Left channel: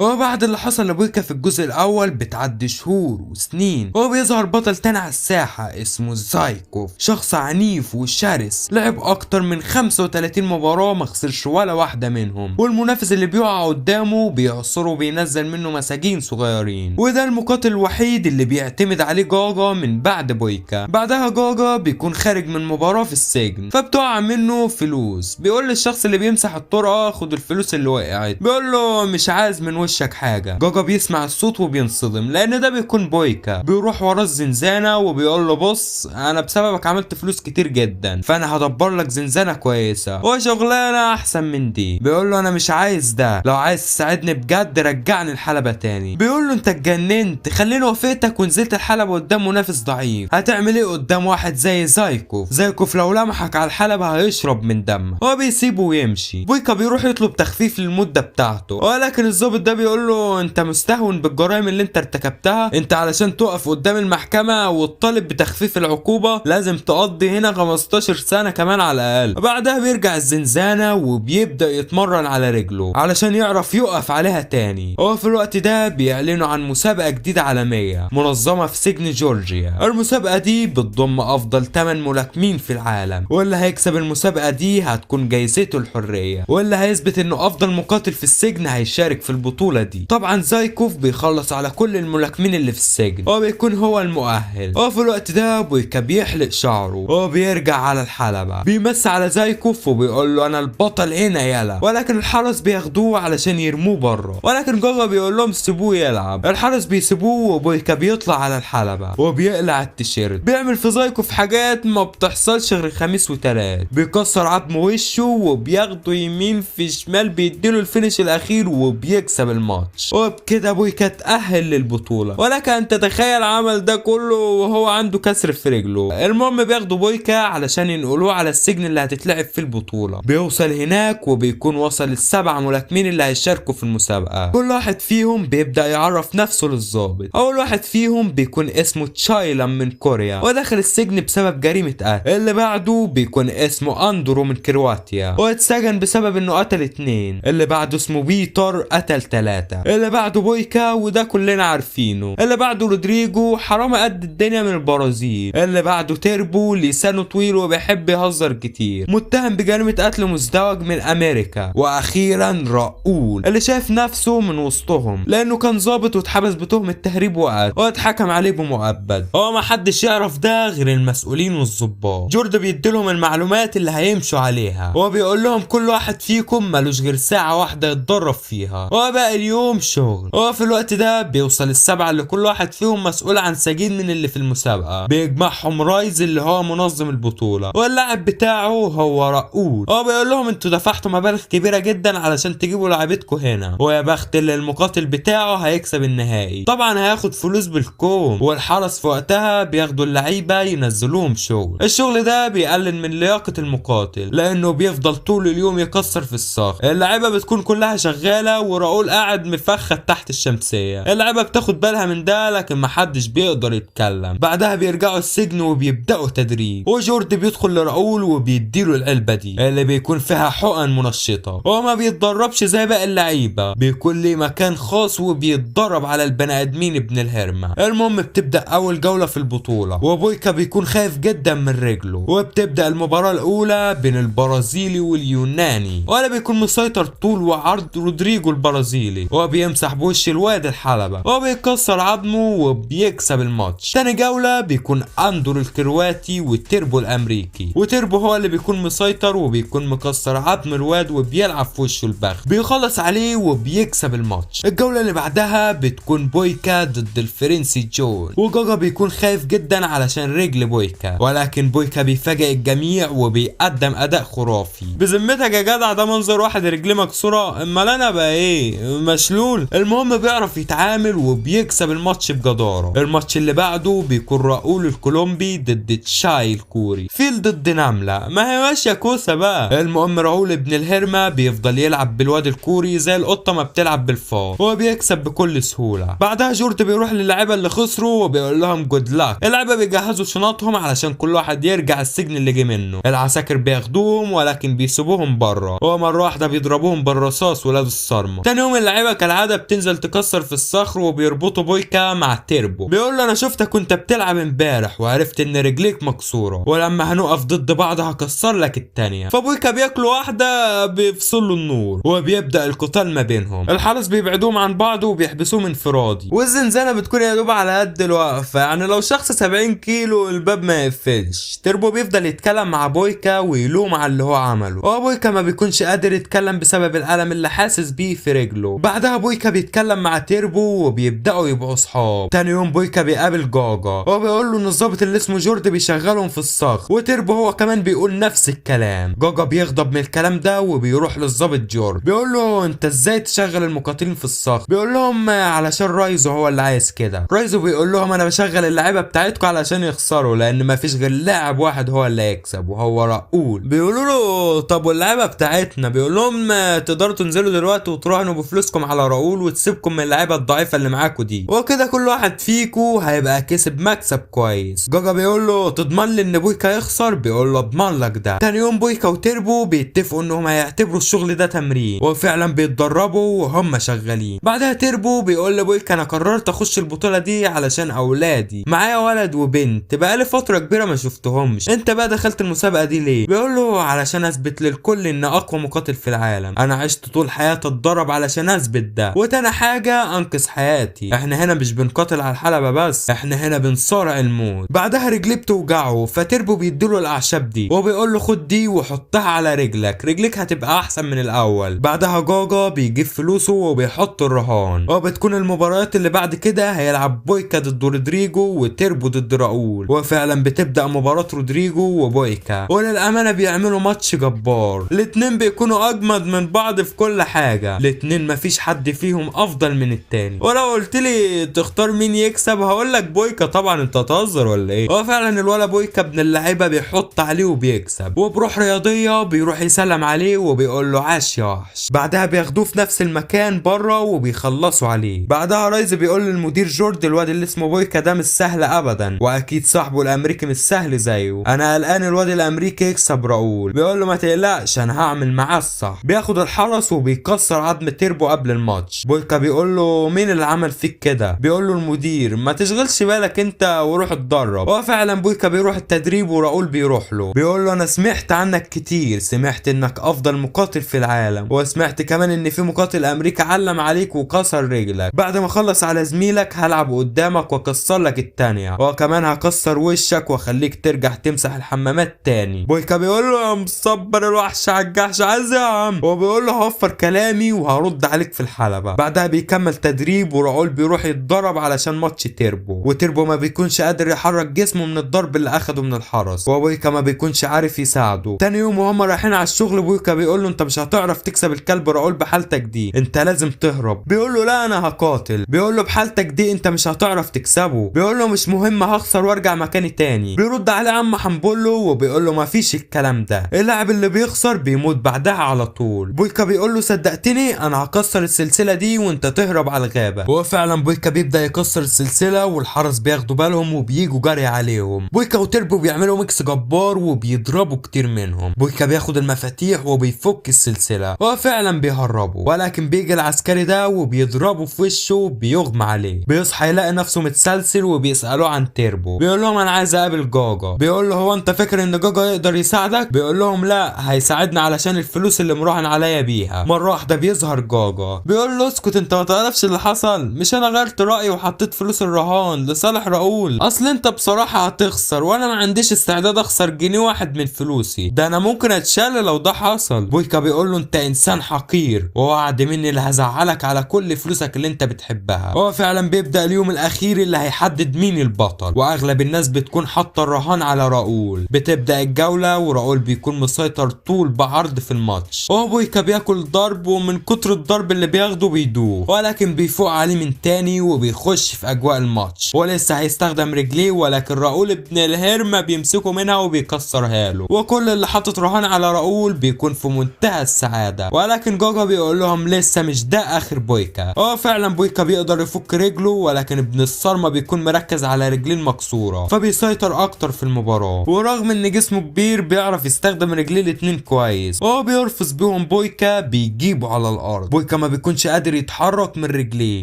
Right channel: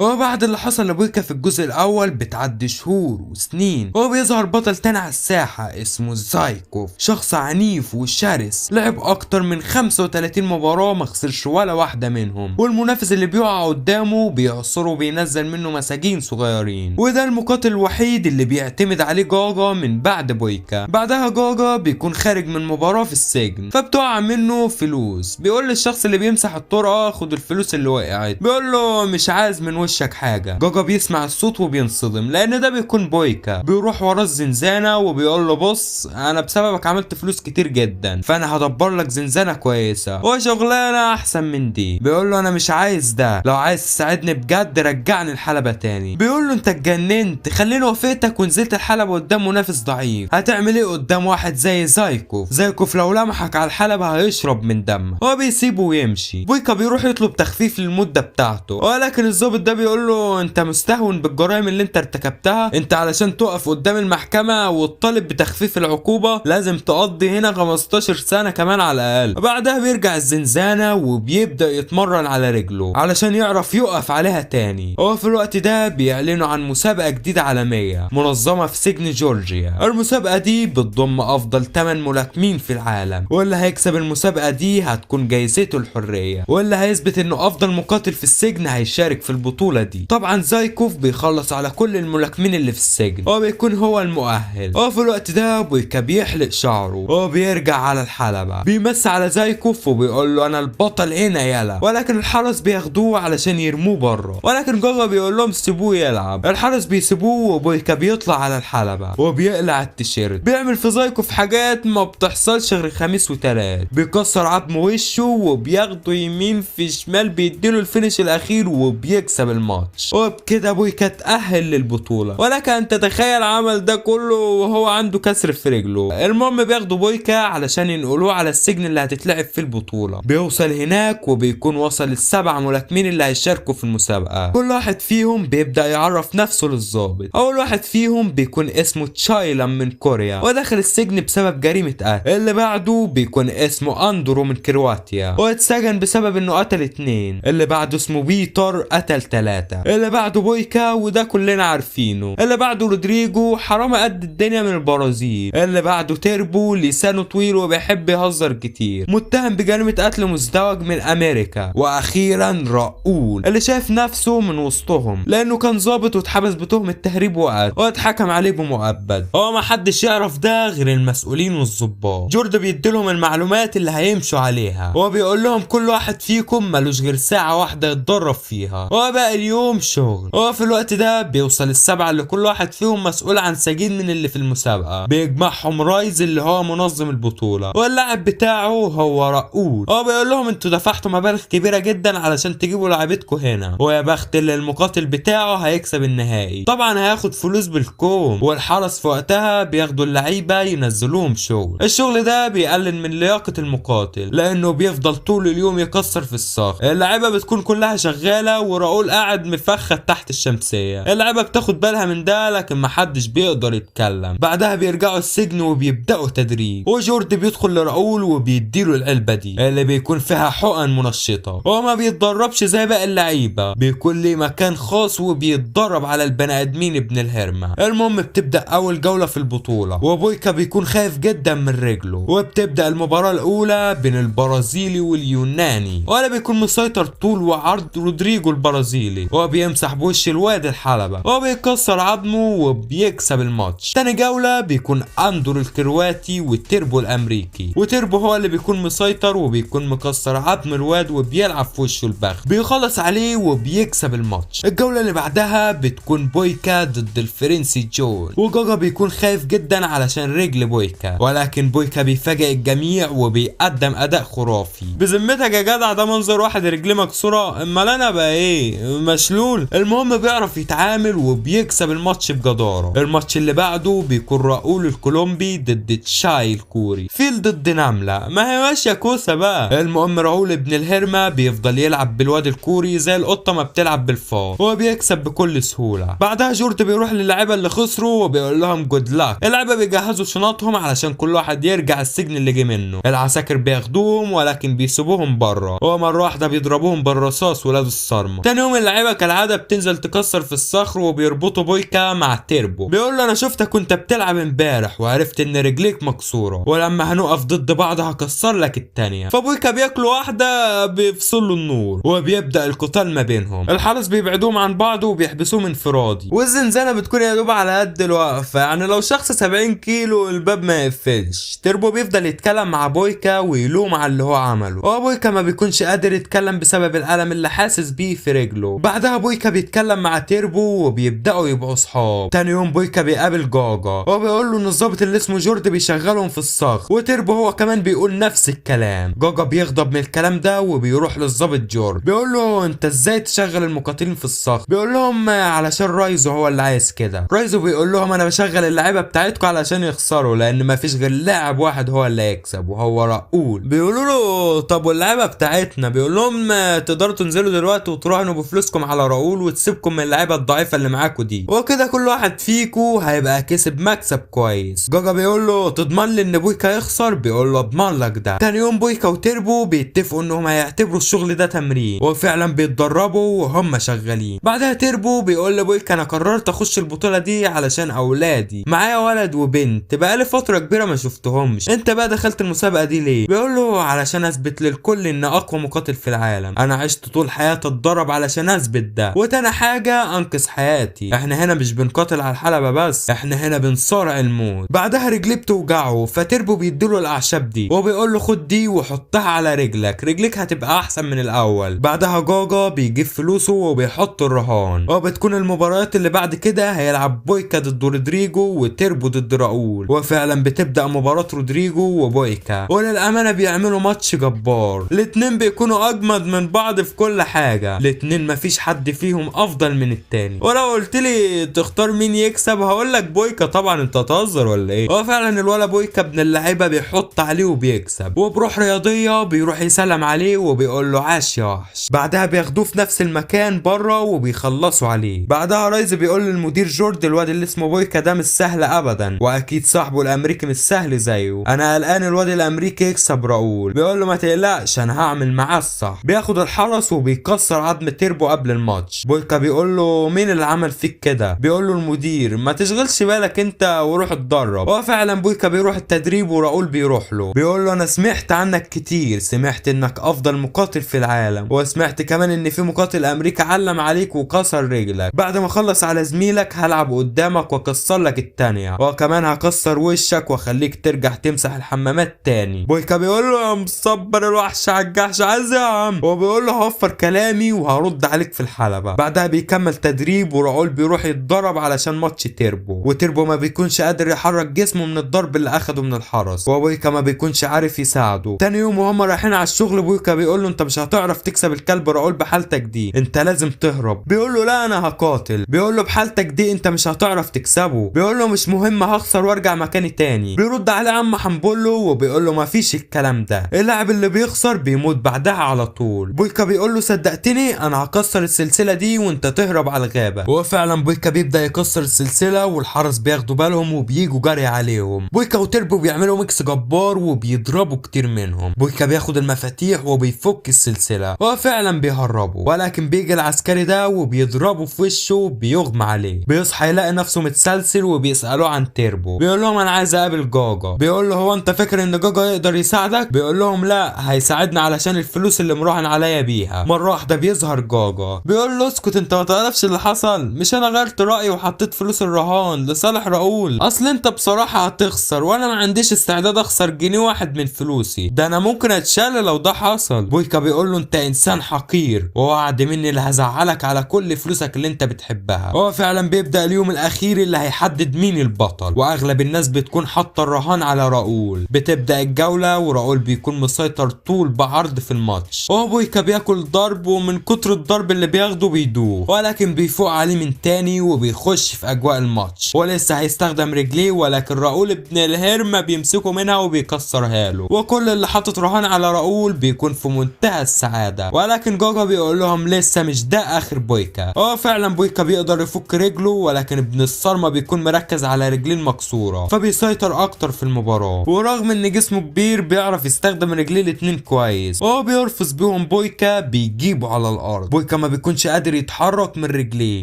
وبعد اللي حصل لبويكا في الجزء الاول بتعدي شهور وسنين، وبيظهر بطل تاني على الساحة اسمه زايكوف، شخص عنيف وشرس، لعب اكتر من 35 مباراة ما خسرش ولا واحدة منهم، والمنافس اللي بيقع قدامه بيعصره وبينزل منه مساجين صغيرين، وده المقاتل الوحيد اللي بيعتمد عليه جاجا من بعد بويكا. بعدها جاجا بيكون خارج من مباراة في السجن، فبتقع منه فلوس، بيقول للشخص اللي بيمسح الطرقة خد الفلوس اللي وقعت، بيقول له مش عايز من وشك حاجة. جاجا بيسمع الصوت وبينصدم لان ده بيكون بويكا، بيروح ورا الزنزانة وبيقول له بص انا بسببك عملت فلوس كتير جدا، فانا هدبر لك زنزانة كويسة وشغلانة احسن من دي. بيقول له انا مش عايز ده، لو عايز تساعدني بجد رجعني الحلبة تاني. بيقول له انت اتجننت، خليني وافقتك ونزلت الحلبة قدام منافس ضعيف، هتعمل ايه قدام واحد زي زايكوف لو لمحك على الحلبة هيشرب من دمك. هو بيسيبه ويمشي. بويكا بيروح يطلب تخفيف للمدة بتاعته، ولكن الضابط ده بيقول له انت مستهون بالجرائم اللي انت ارتكبتها، انت علشان تقف قدام المحكمة وتطالب بتخفيف العقوبة لازم تقضي هنا 15 سنة كمان على الاقل. بعدها بيرجع الزنزانة وبيبدأ يتمرن على رجله علشان يعرف يقف عليها تاني. هو في الوقت ده بيعلنوا عن مسابقة جديدة عالمية منظمة في سجن جورجيا. المسابقة دي بتضم افضل 8 ملاكمين في العالم، واللي هيكسب المسابقة دي هتكون جايزته الحرية، واللي هيثبت انه افضل مقاتل في السجن هيشارك في البطولة دي. طبعا زايكوف بيخلص على كل الملاكمين اللي في السجن وبيكون هو المؤهل. وفي الوقت ده بويكا بيحلق شعره وبيرجع على الحلبة، بيمس على زايكوف وبيقول له انا البطل هنا يلا، ولكن الحرس بياخدوه علشان يرموه بره، ولكن جاجا بيقول لهم سيبوه يلعب. الحرس بيسيبوه وبويكا بيطلع على الحلبة وبيقلع التيشيرت، بيعمل في زايكوف حاجات ما بتحصلش غير خميس وتلات، بيكسر عظم وشه وبياخده يمين في شمال، بيديله الفينش الاخير وبيكسب الماتش. وبكده بويكا اتأهل للبطولة، ولكن انت تخيل عمل ده كله وهو عنده كسر في رجله. المهم بياخدوا بويكا علشان ينقلوه على السجن اللي هتتلعب في البطولة. بيوصل هناك وبيكون وصل السبع ملاكمين اللي هيشاركوا في المسابقة. كل واحد فيهم بيبدأ يعرف نفسه للضابط. اول واحد فيهم بيكون اسمه تشايلم من كوريا ودخل السجن بسبب جريمة قتل. اللي بعده بيكون اسمه اندرو من كرواتيا واتسجن بسبب انه قتل 2. اللي بعده اسمه بيتر قتل 3. اللي بعده بويكا وده كلنا عارفينه. اللي بعده رودريجو حرامي قد الدنيا من البرازيل. اللي بعده تيربو لسانه طويل وبيحب يهزر كتير متهم بجريمة قتل مزدوج من امريكا. واخيرا راؤول اللي شايف نفسه من وسطهم لانه كان ظابط واتحبس بتهمة تهريب وقتل واتحكم عليه بمؤبد. هو ما حدش يعرف ده غير المسؤولين والظباط. جورد بيديلهم المعلومات اللي هيمشوا عليها، هو بيقول لهم كل واحد فيكم ملوش غير ساعة واحدة يتدرب فيها وباقي اليوم شغل. هو في الوقت ده بيوصل السبعة اللي كل واحد فيهم مسؤول عن سجين من اللي في المسابقة، بيجمعهم رايز اللي هو منظم البطولة، واللاعب بتاعه هو راؤول. هو بيقول لهم انتوا دفعتوا مبالغ كبيرة جدا علشان تجيبوا لعيبتكم هنا، ويا بخت اللي المقاتل بتاعه هيكسب النهائي. طبعا هياخد فلوس بالكوم، والحرس في وقتها بياخدوا اللعيبة ينزلوهم شغل. الشغل ده بيقلل من لياقة المقاتل لانه بيفضل طول اليوم يكسر في الصخر. اللعيبة بتكون كلها شغالة وراؤول قاعد مفخد تحت الشمسية. اللعيبة بتاخد بالها من ده لكن محدش بيقدر يتكلم. بعدها بيرجعوا السجن وبيبدأوا تدريب، وجورد بيدخل لراؤول وبيديله العلبة دي اللي بيكون فيها حقن منشطة. هو ما بيتدربش زي باقي اللعيبة، بيكون ليه مكان خاص وبيتدرب على البني ادمين ابن الهرمة. المهم بتبدأ اول جولة في البطولة، وبويكا بيكون خايف جدا من رجله، وبتبدأ المباراة الاولى بين البرازيلي واليوناني، وانا بيكون مسيطر طول وعرض رودريجو البرازيلي وبيمسح بوش الواد الحلبة وبيكسر عظمه وبيكسب الماتش. تاني جولة بيكون اندرو الكرواتي والتيربو الامريكي، وتيربو هو اللي بيكون مسيطر وبيكون مكسر عظم الواد وبيلعب في وشه البخت، بيخلص عليه وبيكسب الماتش. الجولة اللي بعدها بتكون بويكا ضد الفرنسي جون، وجاجا بيكون خايف جدا علشان رجل بويكا، ولكن بويكا بيفاجئ الجميع وبيقدم اداء خرافي. بذمتك يا جدع ده منظر واحد رجليه مكسوره، امال انا بقى ايه مشلول؟ المهم بيعرف يتعامل وبيكسب الماتش بجداره. الماتش اللي بعده بيكون راؤول الكولومبي ضد تشاي الكوري، فيل ضد نمله، ما هي ماشيه كوسه بقى. المهم راؤول ابن الهرمه بيفضل يلعب بالواد الكوري زي القطه ما بتلعب بالفار، هو بيكسب بكل سهوله. بعدها جورد بيروح للعيبه اللي خسروا وبيقول لهم جود لاك. اللعيبه بيجهزوا شنطهم علشان كل واحد يرجع السجن اللي جه منه. العساكر بياخدوهم ولكن بيسيبوهم بره، هو مره واحده بيضربوهم بالرصاص ولاد الصرمه. تاني يوم اللعيبه كالعاده بتنزل تكسر في الصخر وبيربطوا بويكا مع تيربو. بيقول له انا شفتك وانت بتلعب امبارح وعرفت ان رجليك مكسوره، ولما هنقف ضد بعض هكسر لك التانيه. فبويكا بياكل واحده بيفصل له النور وبيبدا القتال ما بينهم. الحرس بيبعدوهم عن بعض وبيحبسوهم انفرادي، والزنزانه بتكون يا دوب على قد الوقفه، يعني لو شخص 70 كيلو الباب ما يقفلش. تيربو بيفضل يتكلم مع بويكا ويلوم على اللي هو عمله، وبويكا ما بيكونش قادر يتكلم بسبب الالم اللي حاسس بيه في رجله. بعدها بويكا بيتكلم مع تيربو وبيبداوا يبقوا اصحاب. تاني يوم بويكا بيقابل جاجا وبيقول له ان الظابط اللي اسمه جورد بيشغلهم في الصخر، وتيربو هو كمان بيقول نفس الكلام. جاجا بيغضب من الكلام ده وبيروح للظابط جورد بيقول له انت ازاي تشغل المقاتلين في الصخر؟ بيقول لهم علشان رايزو هو اللي عايز كده. رايزو بيقول لهم انا بشغل اللعيبه بتاعتكم علشان يخسروا، لان مفيش غير لاعب واحد هو اللي هيكسب وهو راؤول. بيقولوا له طب واللعيبه بتاعتنا؟ بيقول لهم تقدروا تنزلوا دلوقتي وتراهنوا بفلوسكم على راؤول وتسيبكم من اللعيبه الضعيفه اللي معاكم دي، وكده كل واحد فيكم هيبقى كسب مكسب كويس. جاجا بيقول له تضمن لي ان بويكا يخسر؟ بيقول له اضمن لك ده. تاني يوم بويكا وتيربو بيتفقوا انهم هيعتبروا الشغل ده تمرين، وفعلا بيتدربوا وهم شغالين. بعدها تيربو بيقول لبويكا انا قررت اخش البطوله دي علشان اولادي، معايا ولد وبنت بقالي فتره كبيره ما شفتهمش، انت بقى دخلت المسابقه دي ليه؟ بيقول له علشان اثبت للكل ان اقوى مقاتل في العالم، انا عشت طول حياتي اتدرب علشان اثبت ده، وتاني حاجه انقذ حياتي، احنا هنا مش بنقاتل على الحلبه بس، احنا هنا بنصارع الموت. بعدها رجليه بتوجعه فتيربو بيديله الاعشاب دي وبيقول له خد دي وحطها على رجلك هتبقى احسن من الاول. بعدها جاجا بيجيب فلوسه وبيحط الرهان، وبتكون المباريات اللي بعد كده هيلعب بويكا ضد رودريجو وتيربو ضد راؤول، وفعلا بتبدا مباراه رودريجو وبويكا، وللامانه بيعملوا ماتش جبار. الاتنين بيكونوا اجمد من بعض في كل حاجه، الاتنين مفيش حد فيهم افضل من التاني. ولو قلت لي تختار مين يكسب هقول لك بويكا طبعا، انت هتهزر ولا ايه؟ هو فعلا الولا بويكا ابن اللعيبه بيحط عليه وبيكسب، وبروح رياضيه بيروح يسلم عليه وبيقول له عاش يا وحش. بعدها بياخدوه في نفس المكان بره وبيخلصوا عليه. بعدها رايز بيقول للمدير جورد الواد اللي اسمه بويكا ده مش سهل ابدا، واكيد صاحبه الامريكي مش سهل زيه، انا قلقان الواد الامريكي يكسب راؤول. بيقول له ما تقلقش انا هعمل معاه الصح. بياخد الحرس وبيكسر عظم تيربو قبل الماتش. بويكا بيقول له مين اللي عمل فيك كده؟ بيقول له المدير، ما تشغلش بالك انت وروح اتدرب. وفعلا بويكا بيروح التدريب وراؤول بيروح له، بيقول له انا سمعت عنك كتير، سمعت انك افضل مقاتل في العالم، وسمعت كمان ان في مقاتل امريكا علم عليك وكسر رجلك، بعد ما اخلص على زميلك هلعب قدامك واكسر لك التانية، وكمان هكسر وشك واخليك ترجع تمسح الحمامات تاني. بويكا بيقول له يا مصبر الوحش على الجحش عايز يا عم، وبيقول له هوفر كلامي وهرد عليك في الحلبة. بعدها بيكمل تدريب وراؤول بيروح يتدرب علشان ماتش تيربو، وتيربو ما بيكونش قادر يحرك جسمه من الضرب اللي اخده من الحرس، وبويكا ما بيكونش عارف يساعده. تاني يوم وهم رايحين على الشغل بويكا بيقول له انت مش هتعرف تكسب الكلب راؤول بحالتك دي، انت لازم تهرب. بيقول له لا انا هقاتل. بيقول له بحالتك دي انت مش هتعرف تكسبه. بيقول له مش مهم هخسر وارجع مكاني تاني. بيرد عليه عم حنبله وبيقول له مفيش الكلام ده، اللاعب اللي بيخسر بيموت بعدها على طول. بويكا بيقول له صدقتني انا هكسر السلسله دي وانت تهرب على الغابه. وفعلا بويكا بيبدا يكسر السلسله والحرس بياخدوا بالهم وبييجوا جري عليهم. بويكا وتيربو بيعملوا ميكس جبار وبيضربوا كتير منهم. بويكا بياخد المفاتيح وبيفك السلسله وفعلا بيهربوا، ولكن بيجي العسكري ده وبيضربه في وشه وبيغمى عليه. بيصحى يلاقي نفسه متسلسل وبيسالوه عن تيربو. بيقول لهم انا عايز اقابل جاجا. بيقول له هو انت فاكر ان جاجا يقدر يساعدك؟ بيقول لهم لا هيساعدنا علشان الفلوس اللي مراهن عليا بيها. مره واحده بيظهر جاجا بيقول له اسكت انت ما تعرفش اللي حصل، مش انا غيرت رايي وحطيت فلوس الرهان لصالح راؤول، اصل انت بصراحه هتخسر وانا ما عنديش استعداد اخسر جنيه واحد من فلوسي، ده انا ممكن اتشال لو ده حصل. بويكا بيقول له انت انسان حقير ووعد مني اللي هزعلك على كل فلوسك اللي انت بتحبها. هو فعلا بيبدا اليوم الاخير اللي هيحدد مين البطل، واغلب الناس بتكون حاطه الرهان على راؤول. بتبدا الجوله وراؤول بيكون مسيطر طول بعرض في الماتش، وبويكا بياكل ضرب ومن كتر الضرب اللي بياخده بيدوخ، ولكن بيفوق عليه من تاني وبيخش في اجواء الماتش، ولسه هيستخدم رجليه ولكن راؤول ابن الهرمه بيمسكه منها وبيكسرها له، وكل اللي حاطط رهان على راؤول بيكون في منتهى السعاده. ولكن جاجا بيقول لهم لسه مش ده اخر بويكا. فعلا بويكا بيقدر يفك رجله، ولكن ابن الصرمه بيكون مركز على رجليه المكسوره فبيسيطر اكتر في المباراه، ورغم ان جسمه كبير بيعرف يستخدم رجليه الاتنين كويس، وهو بيرفس بيهم بويكا بيجيبه على الارض. بويكا بويكا ما بيكونش قادر يتحرك من رجليه،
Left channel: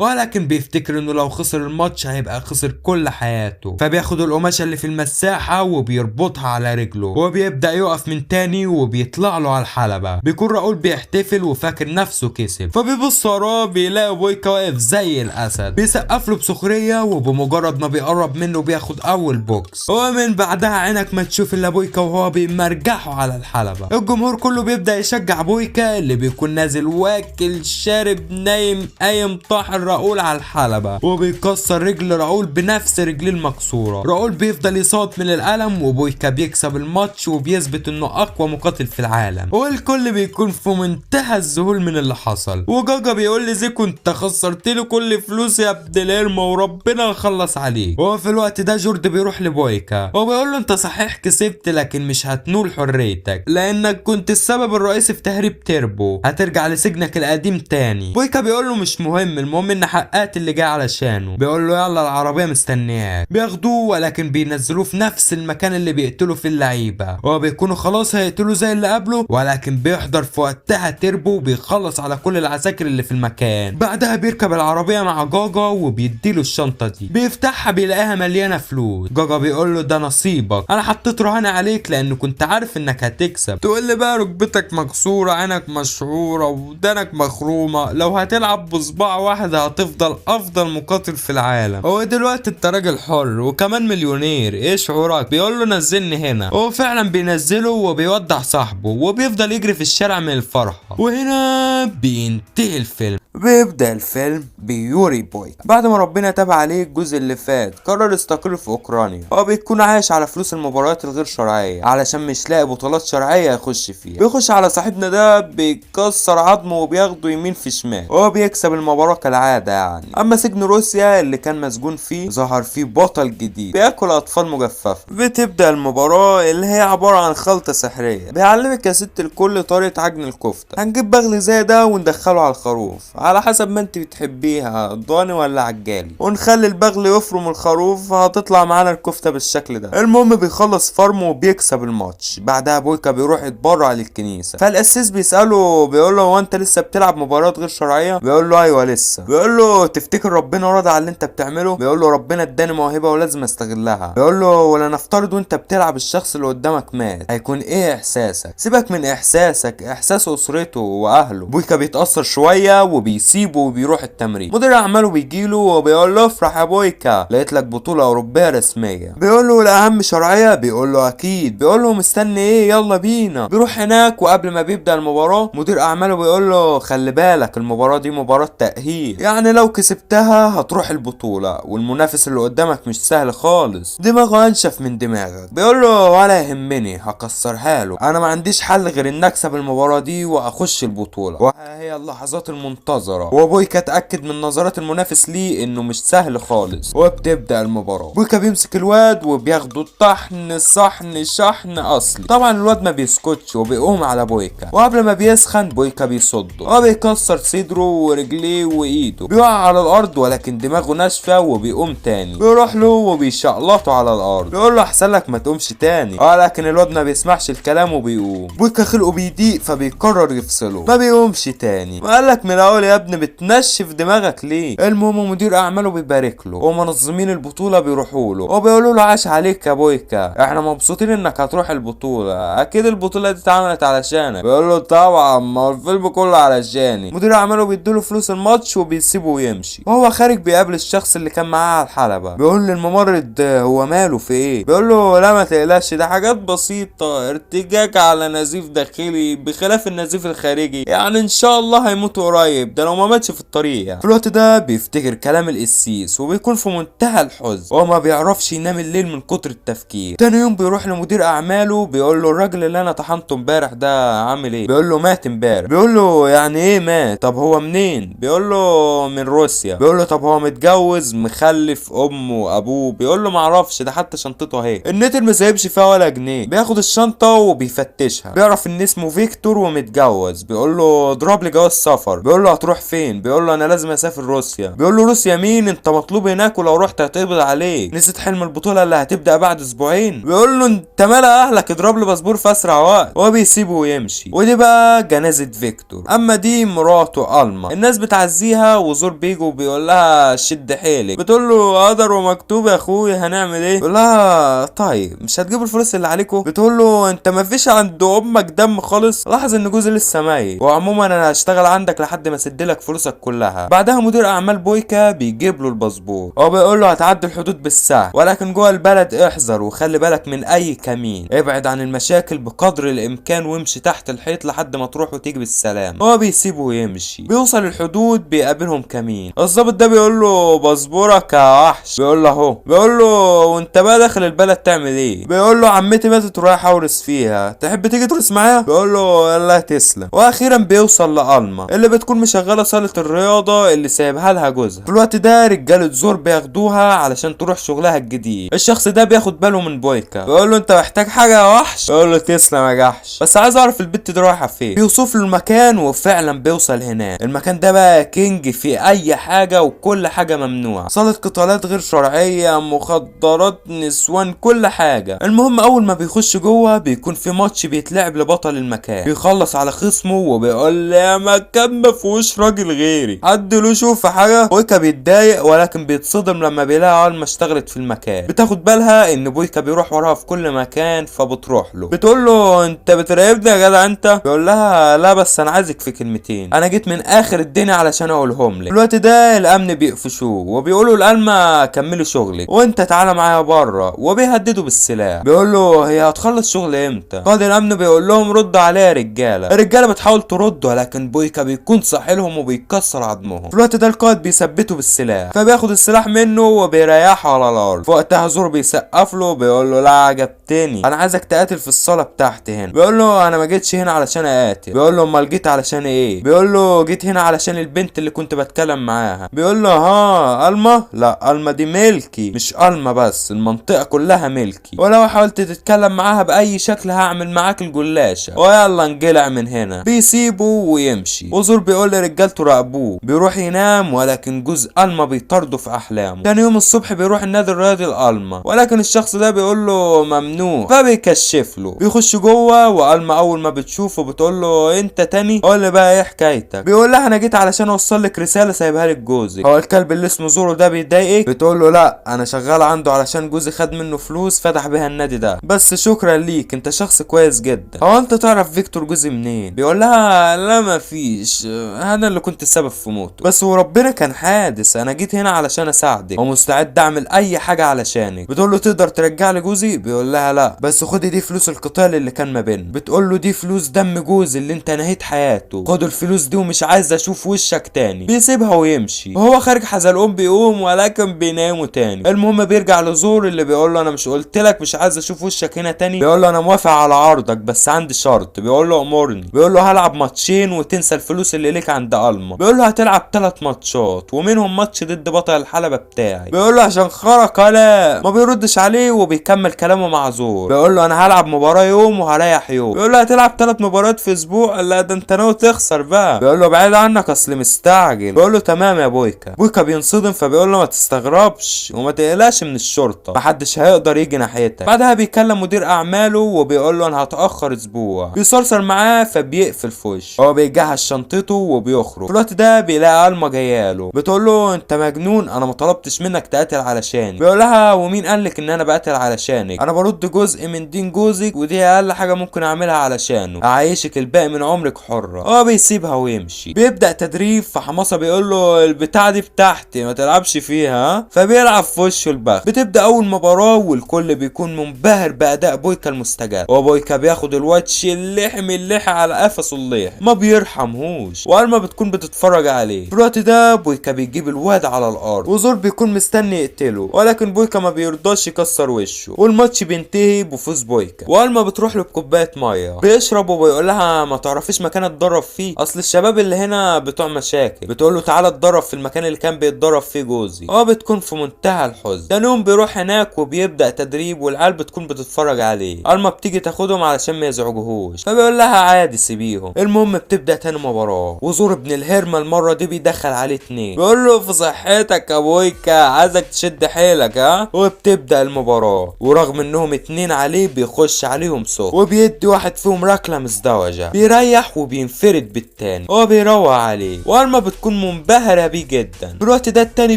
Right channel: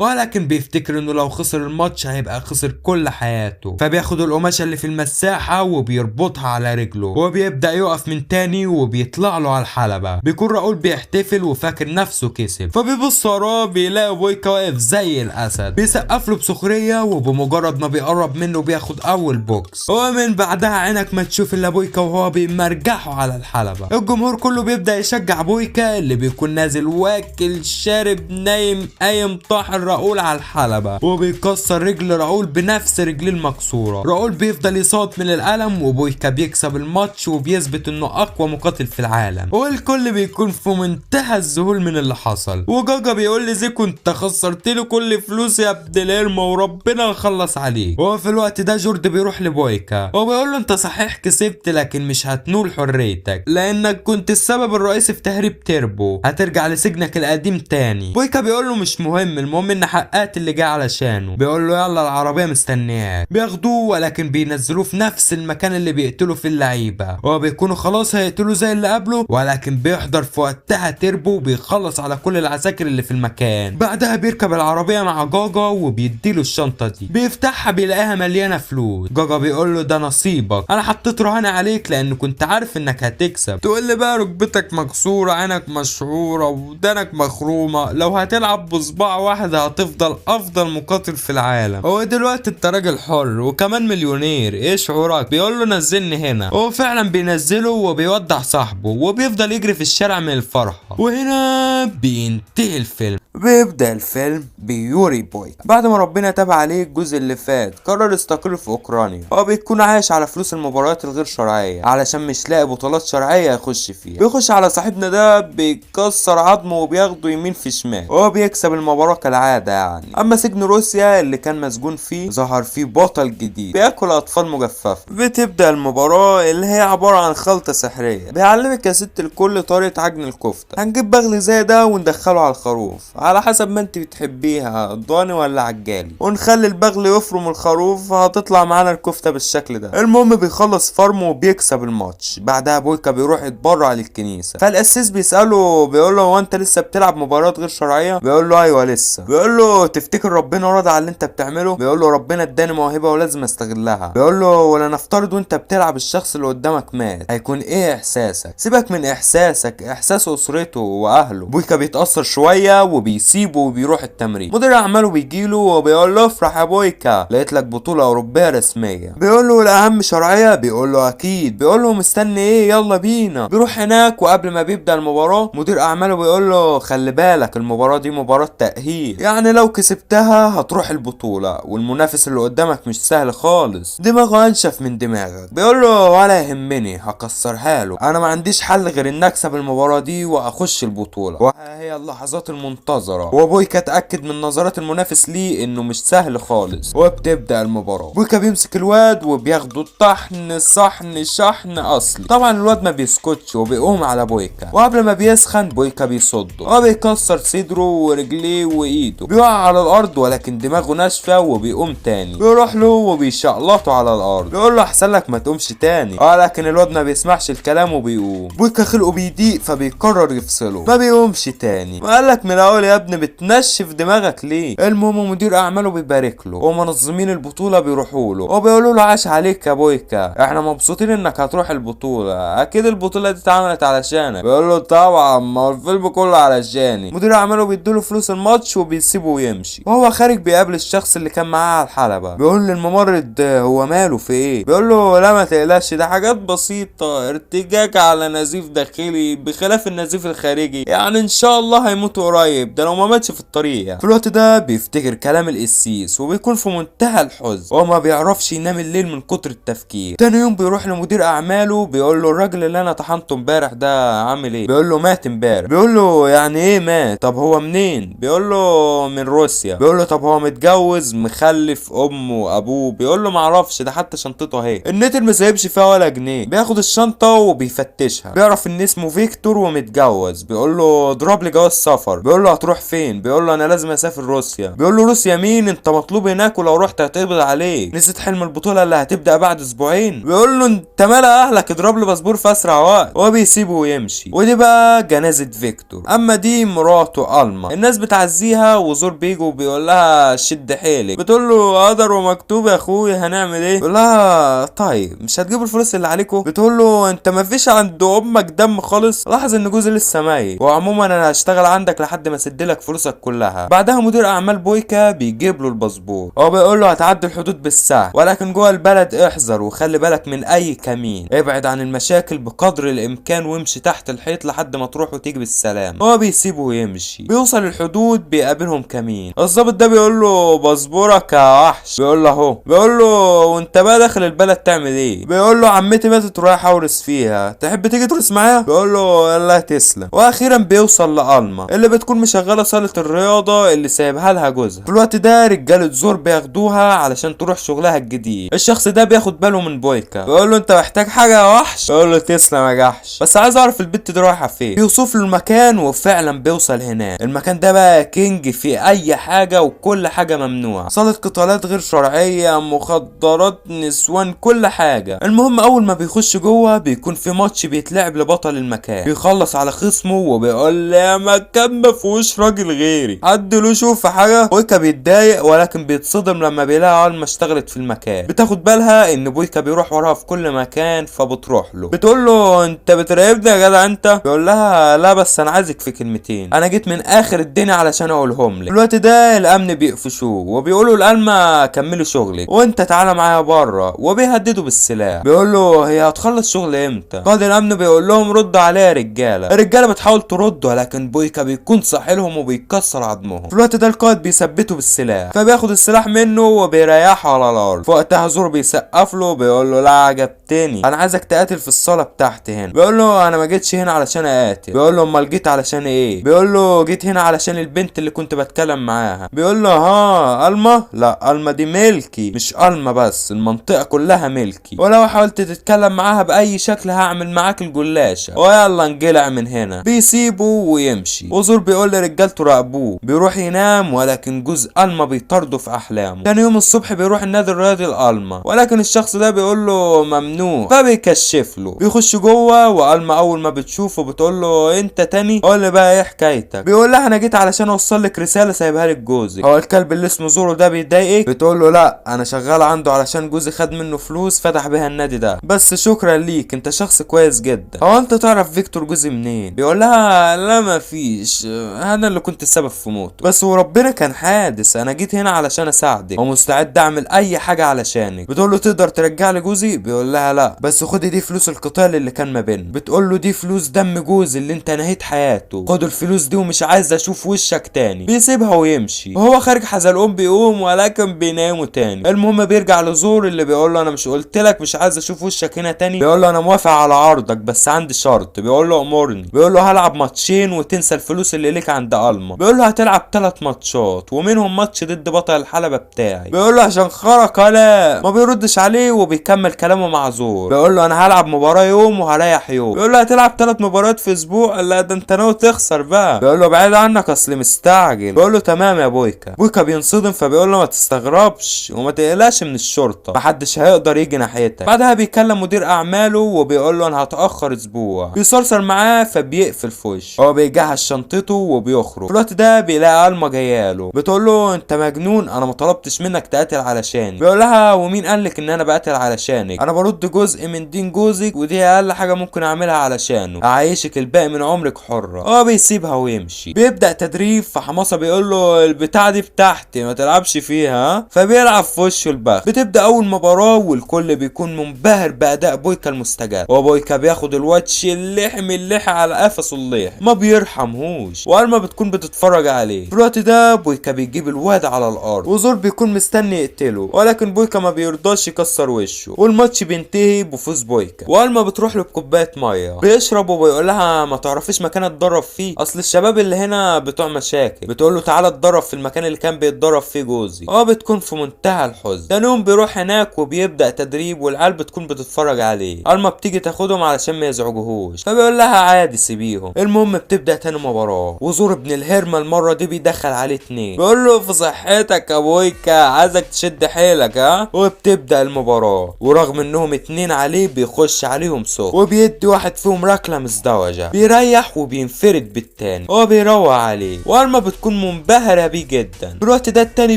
ولكن بيفتكر انه لو خسر الماتش هيبقى خسر كل حياته. فبياخد القماشه اللي في المساحه وبيربطها على رجله وبيبدا يقف من تاني وبيطلع له على الحلبه. بيكون راؤول بيحتفل وفاكر نفسه كسب، فبيبص وراه بيلاقي بويكا واقف زي الاسد بيسقف له بسخريه، وبمجرد ما بيقرب منه بياخد اول بوكس. ومن بعدها عينك ما تشوف الا بويكا وهو بيمرجحه على الحلبه. الجمهور كله بيبدا يشجع بويكا اللي بيكون نازل واكل شارب نايم قايم طاحن راؤول على الحلبه، وبيكسر رجل راؤول بنفس رجليه المكسوره. راؤول بيفضل يصوت من الالم، وبويكا بيكسب الماتش وبيثبت انه اقوى مقاتل في العالم، والكل بيكون في منتهى الذهول من اللي حصل. وجاجا بيقول لزيكو انت خسرت له كل فلوس يا ابن الارمه وربنا يخلص عليه. وفي الوقت ده جورد بيروح لبويكا وبيقول له انت صحيح كسبت لكن مش هتنول حريتك لانك كنت السبب الرئيسي في تهريب تيربو، هترجع لسجنك القديم تاني. بويكا بيقول له مش مهم، المهم ان حققت اللي جاي علشانه. بيقول له يلا العربيه مستنياك. بياخدوه ولكن بينزلوه في نفس المكان اللي بيقتلوا فيه اللعيبه، وبيكونوا خلاص هيقتلوا زي اللي قبله، ولكن بيحضر في وقتها تيربو وبيخلص على كل العساكر اللي في المكان. بعدها بيركب العربيه مع جاجا وبيديله الشنطه دي، بيفتحها بيلاقيها مليانه فلوس. جاجا بيقول له ده نصيبك، انا حطيت رهان عليك لان كنت عارف انك هتكسب. تقول لي بقى ركبتك مكسوره عينك مشهوره ودانك مخرومه، لو هتلعب بصباع واحد هتفضل افضل مقاتل في العالم. هو دلوقتي انت راجل حر وكمان مليونير، ايه شعورك؟ بيقول له نزلني هنا. هو فعلا بينزله وبيودع صاحبه وبيفضل يجري في الشارع من الفرحه. وهنا بينتهي الفيلم. بيبدأ الفيلم بيوري بويكا بعد ما ربنا تاب عليه الجزء اللي فات قرر يستقر في اوكرانيا. هو بيكون عايش على فلوس المباريات الغير شرعيه علشان مش لاقي بطولات شرعيه يخش فيها. بيخش على صاحبنا ده بيكسر عظمه وبياخده يمين في شمال، وهو بيكسب المباراه كالعاده يعني. اما سجن روسيا اللي كان مسجون فيه ظهر فيه بطل جديد بياكل اطفال مجففه. بتبدأ المباراه اللي هي عباره عن خلطه سحريه بيعلمك يا ست الكل طريقه عجن الكفته. هنجيب بغل زي ده وندخله على الخروف على حسب ما انت بتحبيها ضاني ولا عجالي، ونخلي البغل يفرم الخروف هتطلع معانا الكفته بالشكل ده. المهم بيخلص فرمه وبيكسب الماتش. بعدها بويكا بيروح يتبرع للكنيسه، فالقسيس بيساله بيقول له هو انت لسه بتلعب مباريات غير شرعيه؟ بيقول له ايوه لسه. بيقول له تفتكر ربنا راضي على اللي انت بتعمله؟ بيقول له ربنا اداني موهبه ولازم استغلها. بيقول له ولا نفترض وانت بتلعب الشخص اللي قدامك مات، هيكون ايه احساسك؟ سيبك من احساسك، احساس اسرته واهله. بويكا بيتاثر شويه وبيسيبه وبيروح التمرين. مدير اعماله بيجيله وبيقول له افرح يا بويكا لقيت لك بطوله اوروبيه رسميه. بيقول له الاهم شرعيه؟ بيقول له اكيد. بيقول له مستني ايه؟ يلا بينا. بيروح هناك وقبل ما بيبدا المباراه مدير اعماله بيقول له خلي بالك المباراه دي مباراه تاهيل، يعني لو كسبتها هتروح البطوله والمنافس اللي قدامك مش سهل خالص، دماغه انشف من دماغك. بيقول له ولا يهمني هكسرها له، انا ما عنديش حل غير ان اكسب المباراه دي واخش البطوله. وها هي اللحظات المنتظره، وبويكا اتاكد من نظرات المنافس ليه انه مش سهل خالص. وبتبدا المباراه. بويكا بيمسك الواد وبياخده طحن صحن شحن اصلي. طبعا الواد ما بيسكتش وبيقوم على بويكا، وقبل ما بيسخن بويكا بيصده وبيكسر صدره ورجليه وايده. بيقع على الارض ولكن دماغه ناشفه وبيقوم تاني. بيروح له وبيشقلطه على الارض، بيقول له احسن لك ما تقومش تاني. لكن الواد ما بيسمعش الكلام وبيقوم. بويكا خلقه بيضيق فبيقرر يفصله، ما بيقومش تاني. وقال لك من الاول يا ابني بتنشف دماغك ليه؟ المهم مدير اعماله بيبارك له ومنظمين البطوله بيروحوا له وبيقولوا له عاش عليك يا بويكا، احنا مبسوطين انك هتروح البطوله، اكيد البطوله دي اتعملت علشانك. بيقول له طبعا ما الفيلم كله علشاني. مدير اعماله بيديله فلوس الماتش وبيسيبه ويمشي. وهو خارج بيقابل الشخص اللي كان معاه على الحلبه. بيقول للممرض هو ماله في ايه؟ بيقول له لا ما تقلقش ده حاجات بسيطه، ارتجاج على نزيف داخلي بخلاف النزيف الخارجي، يعني ان شاء الله هيموت قريب، ده لو ما ماتش في الطريق يعني. في الوقت ده بيفتكر كلام القسيس وبيكون في منتهى الحزن وما بيعرفش ينام الليل من كتر التفكير. تاني يوم بيروح لمدير اعماله بيقول له الراجل اللي انا طحنته امبارح ده عامل ايه؟ بيقول له مات امبارح. بيقول له يعني ايه مات؟ طب هو منين؟ بيقول له من روسيا. بيقول له طب هو متجوز مخلف امه وابوه؟ بيقول له معرفش ده حتى شنطته اهي. النتر ما سايبش فيها ولا جنيه. بياخد الشنطه وبيفتشها بيعرف ان اسمه فيكتور ومتجوز. بيقول له اضرب لي جواز سفر. بيقول له هتروح فين؟ بيقول له انا لازم اسافر روسيا. بيقول له روسيا مين؟ انت مطلوب هناك ولو رحت هتقبض عليك، نسيت حلم البطوله اللي هتبدا بعد اسبوعين. بيقول له انت مال اهلك اضرب لي باسبور في اسرع وقت، وبيسيبه ويمشي. ودي بقى جنازه فيكتور. اما دي مراته ألما. الناس بتعزيها وزور بيجي وبيقول لها شد حيلك. بتقول له قدر ومكتوب يا اخويا هنعمل ايه؟ بيقول لها طيب مش هتجيبوا الفلوس اللي عليكم؟ بتقول له انت مفيش عند امك دم خالص. لاحظ ان جوزي لسه ميت، وعموما انا هشتغل عندك لحد ما اسدلك فلوسك كلها. بعدها مدير اعمال بويكا بيجيب له الباسبور، هو بيقول له هتعدي الحدود بالساعه، ولكن جوه البلد احذر وخلي بالك من اي كمين، ابعد عن المشاكل بقدر الامكان وامشي تحت الحيط لحد ما تروح وتيجي بالسلام. هو بيسيبه ويمشي. بيوصل الحدود بيقابلهم كمين. الظابط ده بيقول له باسبورك يا وحش. بيقول له اهو. بيقول له وانت بقى داخل البلد تعمل ايه؟ بيقول له عمتي ماتت ورايح اورث فيها، تحب تيجي تورث معايا؟ بيقول له الله تسلم. واخيرا بيوصل لألما اللي بتكون مشغله صاله الرياضه اللي سايبها لها جوزها. في الوقت ده رجاله زور بياخدوها علشان تروح شغلها الجديد. الشخص ده بياخد باله من بويكا، بيقول له انت محتاج حاجه يا وحش؟ بيقول له تسلم يا جحش، بس عايز اعرف البت دي رايحه فين. بيوصف له المكان وفعلا بيوصل هناك. المكان ده بقى كينج في اي حاجه وكل حاجه ممنوعه، صاله قتالات غير شرعيه، مخدرات، نسوان، كل حاجه. المهم اول ما بيخش جوه بيكون في ماتش بيتلعب لبطل المكان، بيخلص على خصمه وبيقول يا مكان ما فيهوش راجل غيري، حد له شوف حاجه. بويكا بيتضايق ولكن بيتصدم لما بيلاقي علما اشتغلت في المكان. بتاخد بالها ان بويكا بيروح وراها في كل مكان، فبتروح له بتقول له انت بتراقبني يا جدع انت؟ بيقول لها لا بس انا عايزك في كلمتين، انا جيت من اخر الدنيا علشان اقولهم لك. في الوقت ده الامن بيقفشوه وبيقولوا لألما كملي شغلك وانت تعالى معايا بره، وبيهددوا بالسلاح. بيقول له هي هتخلص شغل امتى؟ قائد الامن بيقول لهم ردوا عليها يا رجاله. الرجاله بتحاول ترد ولكن بويكا بيكون صاحلهم وبيكسر عظمهم. في الوقت ده القائد بيثبته بالسلاح، فبياخد السلاح منه وبيريحه على الارض. في وقتها زور بيسقف له بيقول له لا عجبتني، انا عايزك تقاتل في الصاله بتاعتي هنا. بيقول له انا ما جيتش هنا علشان اقاتل. بيقول له امال جيت علشان ايه؟ بيقول له جيت هنا علشان البنت اللي كنت بتكلم معاها. بيقول له ها ألما؟ لا ألما دي ملكي، مش ألما بس، المنطقه كلها ملكي، ولو حاولت تتكلم معاها باي شكل هعمل معاك الجلاشه، ويلا انجلع من هنا. بيسيبه ويمشي. وزور بيقول لرجالته راقبوه. بيروح ينام ولكن جوز ألما بيطارده في احلامه. تاني يوم الصبح بيروح النادي الرياضي لألما، ولكن الشخص ده بيقول له ممنوع، فبيكشف له. بيخش جوه وألما اول ما بتشوفه بتقول له انت تاني؟ قول لي بقى ايه حكايتك؟ بيقول لها انا جيت علشان اوصل لك رساله سايبها لك جوزي. هو الكلب اللي اسمه زورو ده بيضايقك؟ بتقول له لا انا شغال عنده علشان جوزي خد منه فلوس فتح بيها النادي ده، بس شكرا ليك انت شخص كويس جدا. هو انت تعرف فيكتور جوزي منين؟ بيقول لها لا ما فيش، انا اللي كنت السبب في موته، بس وربنا كان حادث، انا جيت هنا علشان اساعدك ومستعد اعمل اي حاجه علشانك. بتقول له تقدر ترجع لي جوزي؟ بيقول لها لا بس خدي دي فلوس القتال اللي كان ما بيننا. بتقول له دي فلوس دم جوزي اللي انت نهيت حياته، خد الفلوس دي ومش عايز اشوف وشك تاني. بيسيبها ويمشي. وهو خارج حزلقوم بيقوم ولكن بينامه تاني. المهم بيرجع لزور اللي بيقول له انا مش قلت لك مش عايز اشوف وشك هنا تاني؟ بيقول له انا موافق على عرضك بس عندي شرط. بيقول له امرني. بيقول له هلعب ماتشين وتنسى الفلوس اللي ليك عند ألما. بيقول له هتلعب 3 ماتشات ومنهم ماتش ضد بطل الحلبة بتاعي. بيقول له عشان خرق على ما بيردش عليه وبيكمل كلامه مع زور. بيقول له انا هلعب مباراة يوم وهريح يوم. بيقول له هتلعب 3 مباريات في اسبوع؟ لا ده انت ناوي تخسر بقى. بيقول له بعيد عنك اصل مستعجل. بيقول له تمام يا بويكا. بويكا بينصدم فبيقول له ما تستغربش وما تقلقش من الشرطة، محدش هيقدر يجي ناحيتك. بعدها بيكلم مدير اعماله وبيقول له انا هتاخر اسبوع. بيصرصر معاه فبيقفل في وشه. هو بيجهز شنطته وبيخرج. في الوقت ده بيلاقي ألما جاياله. بتقول له انت مجنون، انا ما طلبتش منك تقاتل علشاني. بيقول لها ومين قالك ان انا بقاتل علشانك؟ انا برد جزء من دين جوزك ودي اقل حاجه ممكن اعملها علشانه، اعيشك الباقي من عمرك حره. هو بيسيبها ويمشي. بيبدا تدريب فحماسه بيقول له البتاعه دي بتاعتي ما تلعبش فيها، فبيلعب في وشه البخت. بتبدا اول مباراه والكل بيكون منبهر باداء بويكا المستجاب، وبويكا بياخد الواتش اللحم اللحى على قفصه اللحم ما بيرحمهوش، وألما بتكون بتتفرج عليه. في الوقت ده بويكا بيجيب الواد على الارض وزور بيكون مستني يقتله، ولكن بويكا ما بيرضاش يكسر وشه، والماتش بينتهي بفوز بويكا. وألما بتروح له بكوبايه ميه بيشرب وبيقول لها ما تعرفيش مكان اتدرب فيه؟ اصل الشباب اللي هنا بتوع مشاكل. بتقول له تعالى اتدرب في المكان اللي كان بيتدرب فيه جوزي. بتكون في منتهى الحزن. تاني يوم بيروح هناك وبيبدا تدريب والعيال بتكون بتتفرج عليه. ألما بتيجي تاخدهم علشان ما يزعجوهوش فبيقول لها عادي سيبيهم. المهم بتبدا تاني مباراه وزور ابن الهرمه المره دي بيدخل عليه 2. بيقول له في صحتك يا بويكا عايزك تشد حيلك ها. وبتبدا المباراه ورغم انهم 2 عليه بيخش عليهم صوت وبيدي واحد فيهم ركله مزدوجه، بيريح وبينفرد بالتاني. تاني. هو بيروق عليه والما بتكون منبهرة بيه جدا. في الوقت ده التاني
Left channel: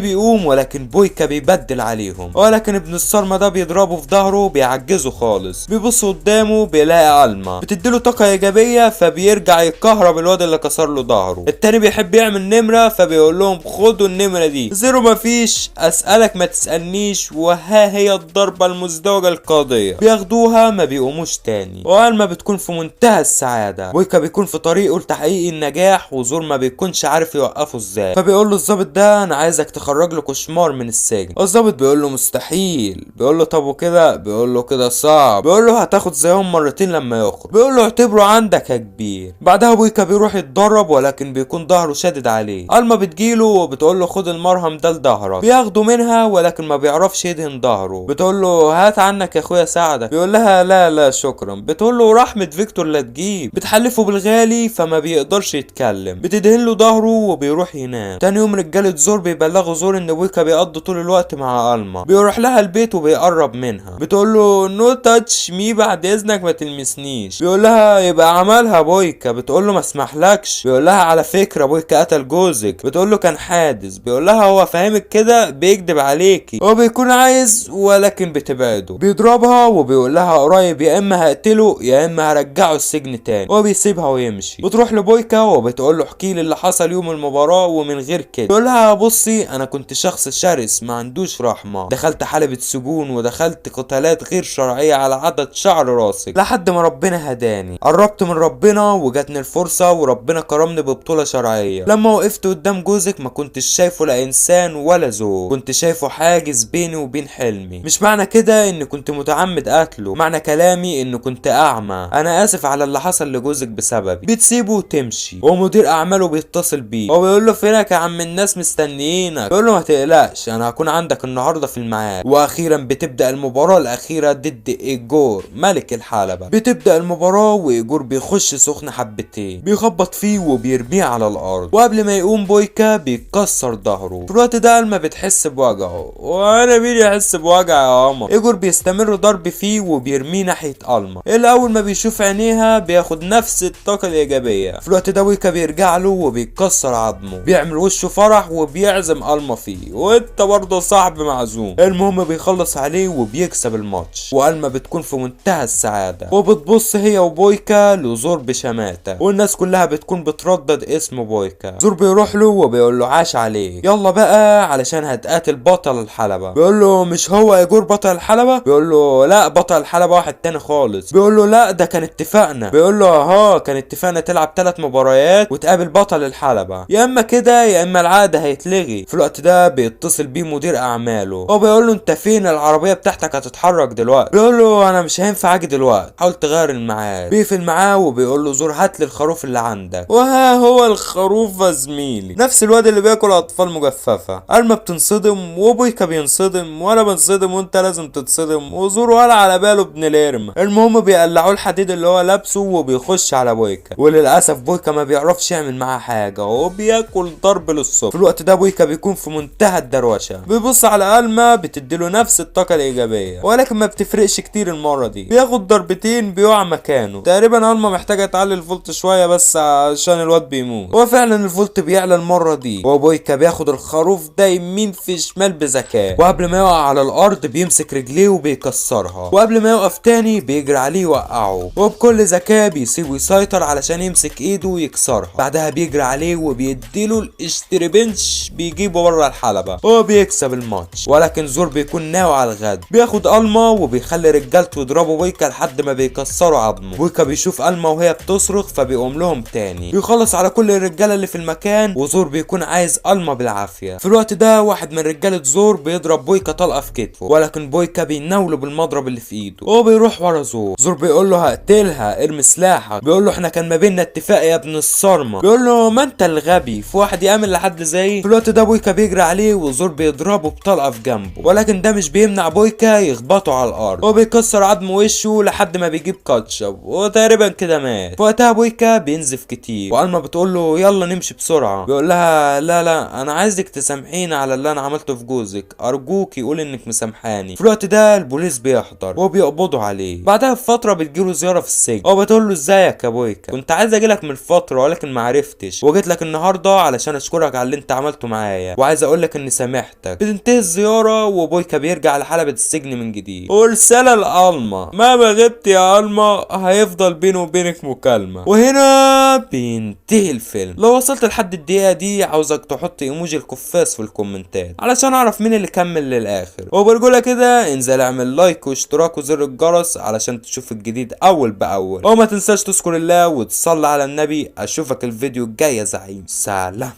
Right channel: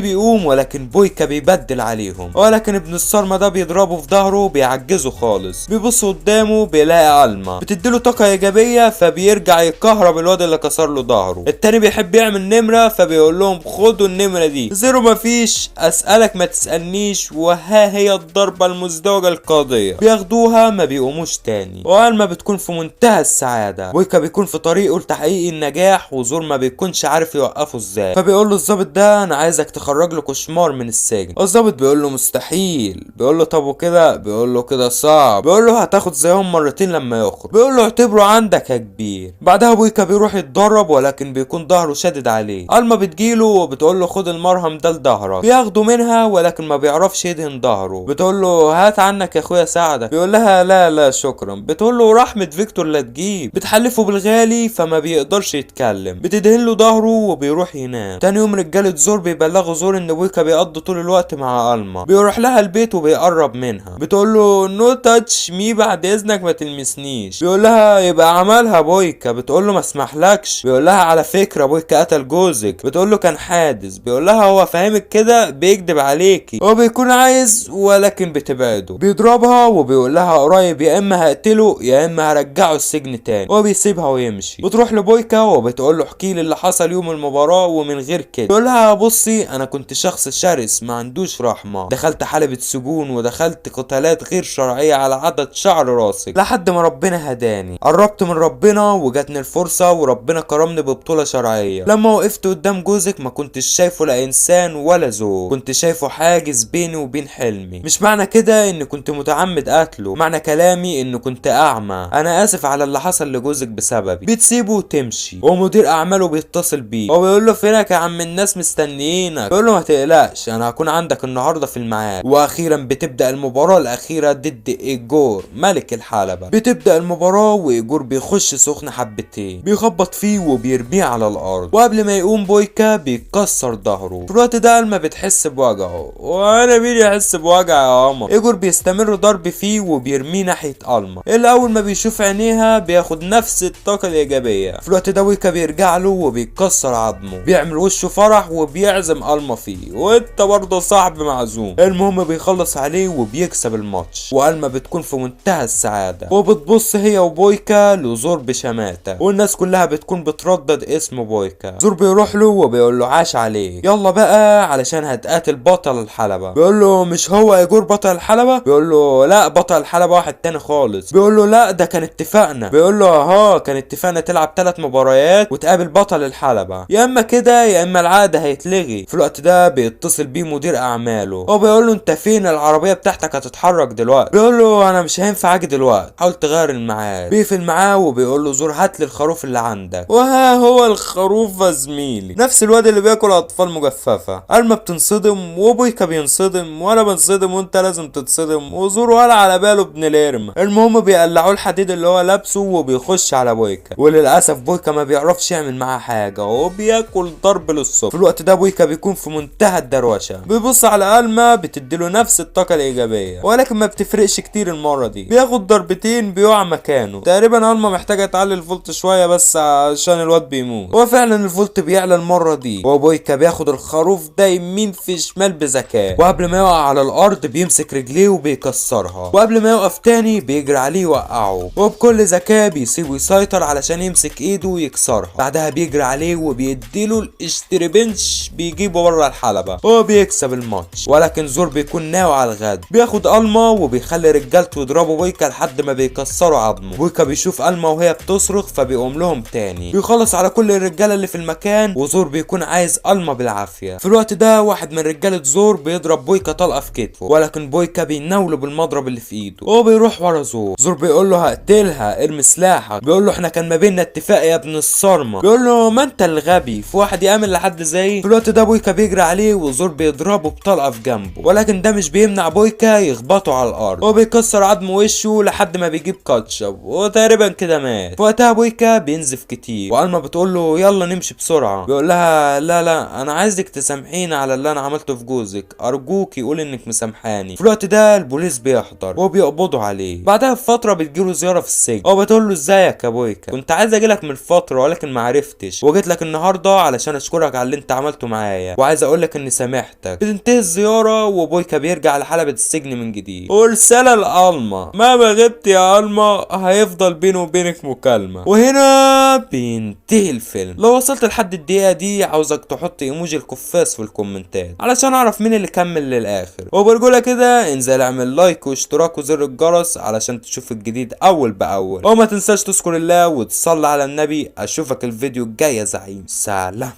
بيقوم ولكن بويكا بيبدل عليهم، ولكن ابن الصرمة ده بيضربه في ظهره وبيعجزه خالص. بيبص قدامه بيلاقي علما بتديله طاقة ايجابية فبيرجع يكهرب الواد اللي كسر له ظهره. التاني بيحب يعمل نمرة فبيقول لهم خدوا النمرة دي، زيرو مفيش، اسألك ما تسألنيش، وها هي الضربة المزدوجة القاضية. بياخدوها ما بيقوموش تاني. والما بتكون في منتهى السعادة. بويكا بيكون في طريقه لتحقيق النجاح وزور ما بيكونش عارف يوقفه ازاي، فبيقول له الظابط ده انا عايزك تخرج له كشمار من السجن. الظابط بيقول له مستحيل. بيقول له طب وكده؟ بيقول له كده صعب. بيقول له هتاخد زيهم مرتين لما يخرج. بيقول له اعتبره عندك يا كبير. بعدها بويكا بيروح يتدرب ولكن بيكون ظهره شادد عليه. الما بتجيله وبتقول له خد المرهم ده لظهرك. بياخده منها ولكن ما بيعرفش يدهن ظهره. بتقول له هات عنك يا اخويا ساعدك. بيقول لها لا لا شكرا. بتقول له رحمة فيكتور لا تجيب. بتحلفه بالغالي فما بيقدرش يتكلم. بتدهن له ظهره وبيروح ينام. تاني يوم رجالة زور بيبلغوا زور ان بويكا بيقضي طول الوقت مع الما. بيروح لها البيت وبيقرب منها. بتقول له نو تاتش مي بعد اذنك ما تلمسنيش. بيقول لها يبقى عملها بويكا. بتقول له ما اسمحلكش. بيقول لها على فكرة بويكا قتل جوزك. بتقول له كان حادث. بيقول لها هو فاهمك كده بيكدب عليكي، هو بيكون عايز ولكن بتبعده. بيضربها وبيقول لها قريب يا اما هقتله يا اما هرجعه السجن تاني. هو بيسيبها ويمشي. بتروح لبويكا وبتقول له احكي لي اللي حصل يوم المباراة ومن غير كده. بيقول لها بصي انا كنت شخص شرس ما عندوش رحمة، دخلت حلبة سجون ودخلت قتالات غير شرعية على عدد شعر راسك لحد ما ربنا هداني. قربت من ربنا وجاتني الفرصة وربنا كرمني ببطولة شرعية. لما وقفت قدام جوزك ما كنتش شايفه لا انسان ولا زوج، كنت شايفه حاجز بيني وبين حلمي. مش معنى كده ان كنت متعمد قتله، معنى كلامي ان كنت اعمى. انا اسف على اللي حصل لجوزك بسببي. بتسيبه وتمشي ومدير اعماله بيتصل بيه وبيقول له فينك يا عم الناس مستنيينك. بيقول له ما تقلقش انا هكون عندك النهارده في الميعاد. واخيرا بتبدا المباراه الاخيره ضد ايجور ملك الحلبة. بتبدا المباراه وايجور بيخش سخن حبتين، بيخبط فيه وبيرميه على الارض، وقبل ما يقوم بويكا بيكسر ظهره. في الوقت ده الما بتحس بوجعه، وانا مين يحس بوجع يا قمر. ايجور بيستمر ضرب فيه وبيرميه ناحيه الما، اللي اول ما بيشوف عينيها بياخد نفس الطاقه الايجابيه. في الوقت ده ويكا بيرجع له وبيكسر عظمه، بيعمل وشه فرح وبيعزم الما فيه، وانت برضه صاحب معزوم. المهم بيخلص عليه وبيكسب الماتش، والما بتكون في منتهى السعاده وبتبص هي وبويكا لزور بشماته، والناس كلها بتكون بتردد اسم بويكا. زور بيروح له وبيقول له عاش عليه، يلا بقى علشان هتقاتل بطل الحلبة. بيقول له مش هو ايجور بطل الحلبة؟ بيقول له لا بطل الحلبة واحد تاني خالص. بيقول له لا ده كان اتفاقنا. بيقول له ها كان اتفاقنا تلعب 3 مباريات وتقابل بطل الحلبة، يا اما كده يا اما العقد هيتلغي. في الوقت ده بيتصل بيه مدير اعماله وبيقول له انت فين؟ العربية بتاعتك هتتحرك دلوقتي. بيقول له انا مش هينفع اجي دلوقتي، حاول تغير الميعاد. بيقفل معاه وبيقول له زور هات لي الخروف اللي عندك. وها هو الخروف يا زميلي، نفس الواد اللي بياكل اطفال مجففة. الما بتنصدم وبويكا بينصدم وانا بنصدم وانت لازم تتصدم، وزور ولا على باله ابن الارم. المهم بيقلعوا الحديد اللي هو لابسه وبيخش على بويكا، وللاسف بويكا ما بيعرفش يعمل معاه حاجه وبياكل ضرب للصبح. في الوقت ده بويكا بيكون في منتهى الدروشه، بيبص على الما بتديله نفس الطاقه الايجابيه ولكن ما بتفرقش كتير المره دي. بياخد ضربتين بيقع مكانه. تقريبا الما محتاجه تعلي الفولت شويه بس عشان الواد بيموت. وفعلا الفولت بيعلى المره دي، وبويكا بياخد الخروف ده يمين في شمال بذكاء، وقبل ما يقع على الارض بيمسك رجليه وبيكسرها، وقبل ما يقف تاني بيجري عليه يوقعه، وبكل ذكاء بيسيبه يسيطر علشان يمسك ايده ويكسرها. بعدها بيجري عليه وبيديله الاشتريبنش بيجيبه بره الحلبة. هو بيكسب الماتش ولكن زور بيكون ناوي على الغد. بياخد الما وبيخلي رجالته يضربوا بويكا لحد ما بيكسروا عظمه. بويكا بيشوف الما وهي بتصرخ فبيقوم لهم تاني، بيخلص على كل الرجاله اللي في المكان، وزور بيكون عايز الما بالعافيه. في الوقت ده واحد من رجاله زور بيضرب بويكا طلقه في كتفه، ولكن بويكا بيناوله بالمضرب اللي في ايده وبيروح ورا زور. زور بيقول له هقتلها ارمي سلاحك. بيقول له احنا كان ما بيننا اتفاق يا ابن الصرمه. بيقول له ما انت الغبي، في واحد يامن لحد زي. في الوقت ده بويكا بيجري عليه وزور بيضربه بطلقه في جنبه، ولكن ده مش بيمنع بويكا يخبطه على الارض وبيكسر عظم وشه لحد ما بيجيب كاتشب وتقريبا كده مات. في وقتها بويكا بينزف كتير، والما بتقول له يلا نمشي بسرعه. بيقول لها لا لا انا عايزك تسامحيني على اللي انا عملته في جوزك، ارجوك يقول انك مسامحاني. في الوقت ده البوليس بيحضر وبيقبضوا عليه. بعدها بفتره بتجيله زياره في السجن وبتقول له ازيك يا بويكا، كنت عايز اجيلك من فتره فتره ولكن ما عرفتش، وجيت لك النهارده علشان اشكرك على اللي انت عملته معايا، وعايز اقول لك اني سامحتك. بتنتهي الزياره وبويكا بيرجع لحلبة السجن من جديد. ورساله لألما، مهما غبت يا ألما هيفضل بيني وبينك مكالمه. وهنا بينتهي الفيلم. لو وصلت لحد الدقيقه دي عاوزك تحط ايموجي الكفاس في الكومنتات علشان اعرف مين اللي كمل للاخر. وبرجولة كده انزل اعمل لايك واشتراك وزر الجرس علشان تشوف الجديد اول باول، وما تنساش تذكر الله وتصلي على النبي. اشوفك الفيديو الجاي يا زعيم. سلام.